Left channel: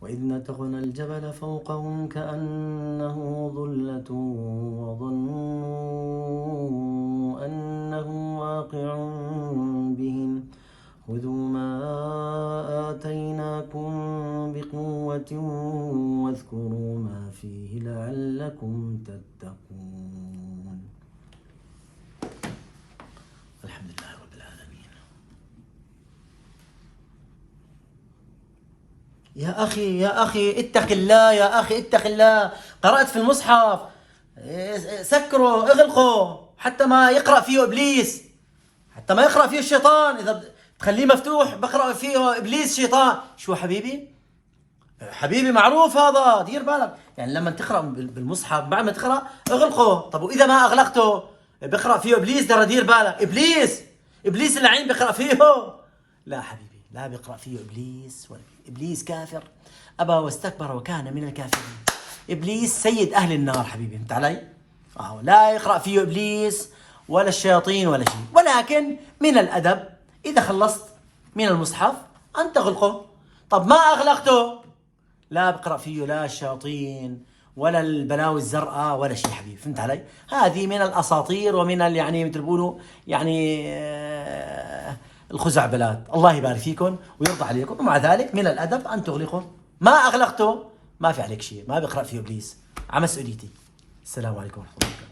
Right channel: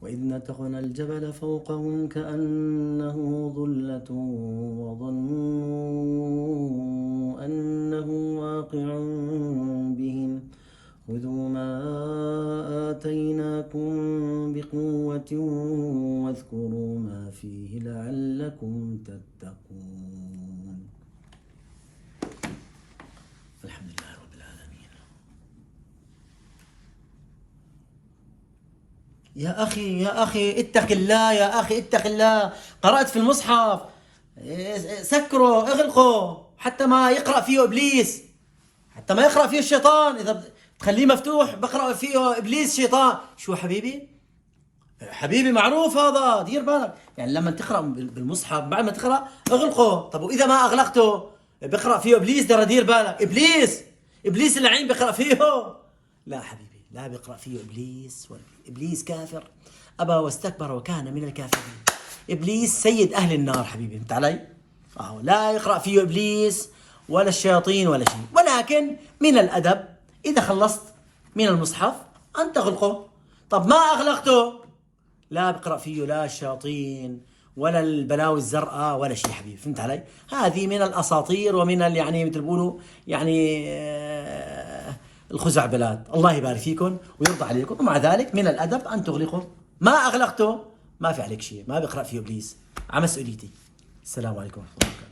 وإذ نتقنا الجبل فوقهم كأنه ظلة وظنوا أنه واقع بهم خذوا ما آتيناكم بقوة واذكروا ما فيه لعلكم تتقون. الحمد لله رب العالمين. يا أخي اتق الله، يا أخي اتق الله. قرأت في المصحف سكره اغلقه حتى ما يقرأ فيه إبليس، حتى ما يقرأ فيه الشيطان. إذا تخليه مفتوح بقرأ فيه إبليس شيطان. شو حبيبي معروف هذا، دير بالك. يعني لما تقرأ بالمصحف بعد ما تقرأ اغلقه. طب وإذا ما أغلقته بقرأ فيه إبليس، ترى دير بالك. إبليس اللعين بقرأ فيه. لا حبيبي، لا بقرأ فيه إبليس، إبليس كافر أبى واستكبر وكان من الكافرين. إبليس سيد أهل النار حبيبي، فهمت علي؟ لا يقرأ فيه إبليس ولا الشياطين ولا شيء. ولكن من الأدب إذا خلصت من المصحف أن تغلقه. طب ما أغلقته لا بقرأ فيه لا الشياطين ولا البلاوي الزرقاء ولا شيء حبيبي، فهمت علي؟ هذه من الأساطير ومن يعني مثل بيقولوا يعني الخزعبلات. الله يبارك فيكم ويرضى عليكم. ومع ذلك من الأدب أن تغلقه. ما أغلقته ما في عليك شيء، ما بقرأ فيه إبليس، على مسؤوليتي. السلام عليكم ورحمة الله وبركاته.